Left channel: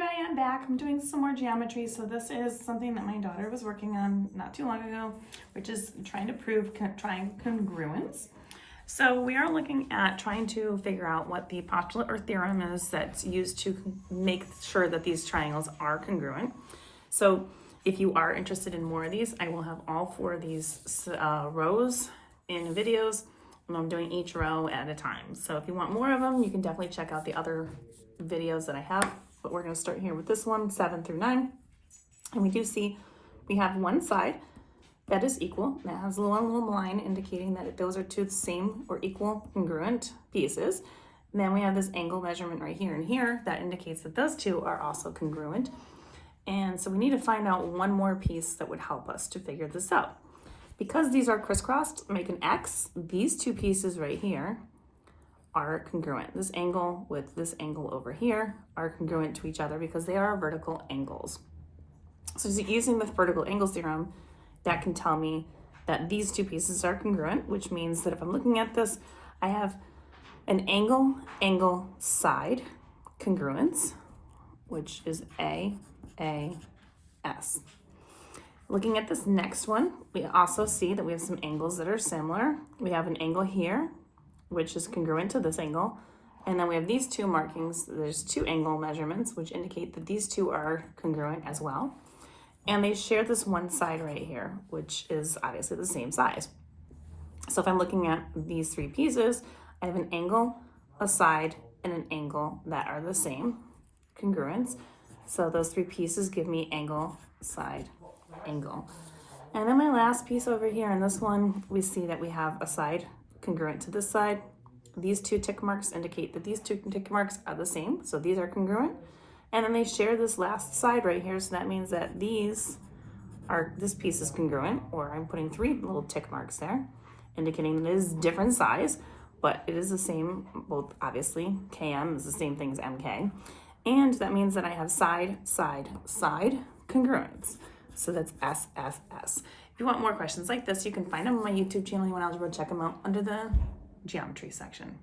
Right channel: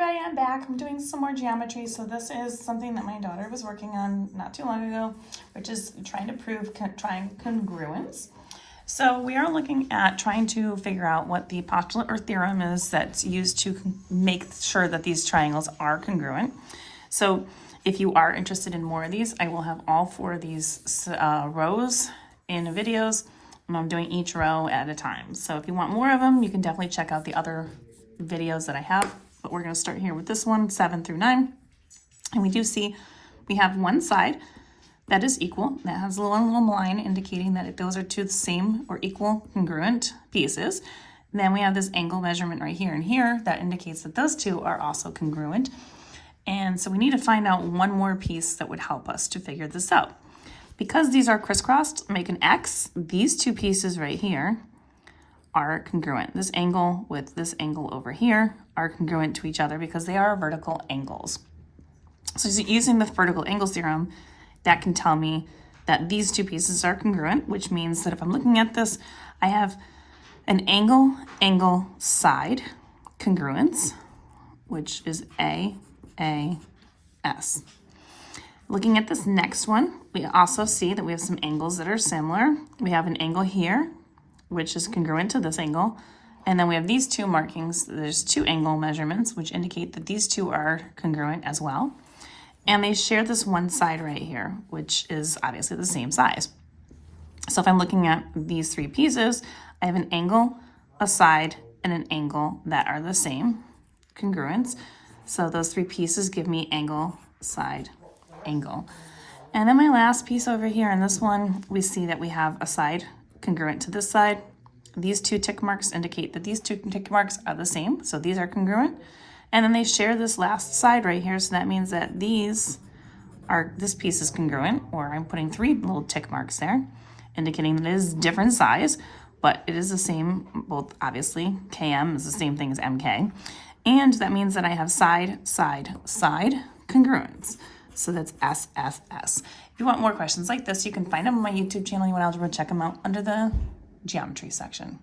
everybody, I'm back. I'm doing some more geometry. So this is something that my daughter was working on not too long ago, which is trying to prove triangle congruence. So we are looking at trying to figure out what the postulate or theorem is that's used to make sure that these triangles are congruent. So if you are interested in more of these, I will have all four of these rows in videos, and I'm doing each row at a time. So if you want more of them, you can definitely check out the other videos that I have, but we're going to start here with this one, 7 through 9. And we do see we have one side that is equal, that has a little line indicating that those are two the same or equal congruent pieces. And then we have this angle measurement right here and here that indicates that those two are also congruent. And so we need to find out one more piece that would help us to figure this out. Because these are crisscrossed, make an X, these two pieces right here are congruent. This angle with this angle over here are congruent to each other because they are vertical angles. So using the vertical angles theorem, that can tell me that these two pieces are congruent, which means that if I'm looking at this, I have an angle, side congruence, which is AS. Looking at this next one, we also see that we have some angles that are similar. We have an angle here, which is congruent to this angle. And then we have these two markings. There's two angle measurements, which indicate that these two are congruent as well. And they share this one side right here, which is obviously the same size. So if I'm looking at these three pieces, I have an angle, a side, and an angle that are the same congruence. So those three pieces give me angle, side, angle. And then my last piece over here in this one, we see that we have a side congruent to this side. These two tick marks indicate that these two tick marks are the same, so these are congruent. And then they share this last side right here, so that means that this piece is congruent, or I'm putting three little tick marks there, indicating that it is different size, but it is the same, both obviously, KM is the same thing as MK. And that means that I have side, side, side congruence. So that's SSS. If you want more questions like this, you can find them on my YouTube channel. You want algebra, check them out under the geometry section.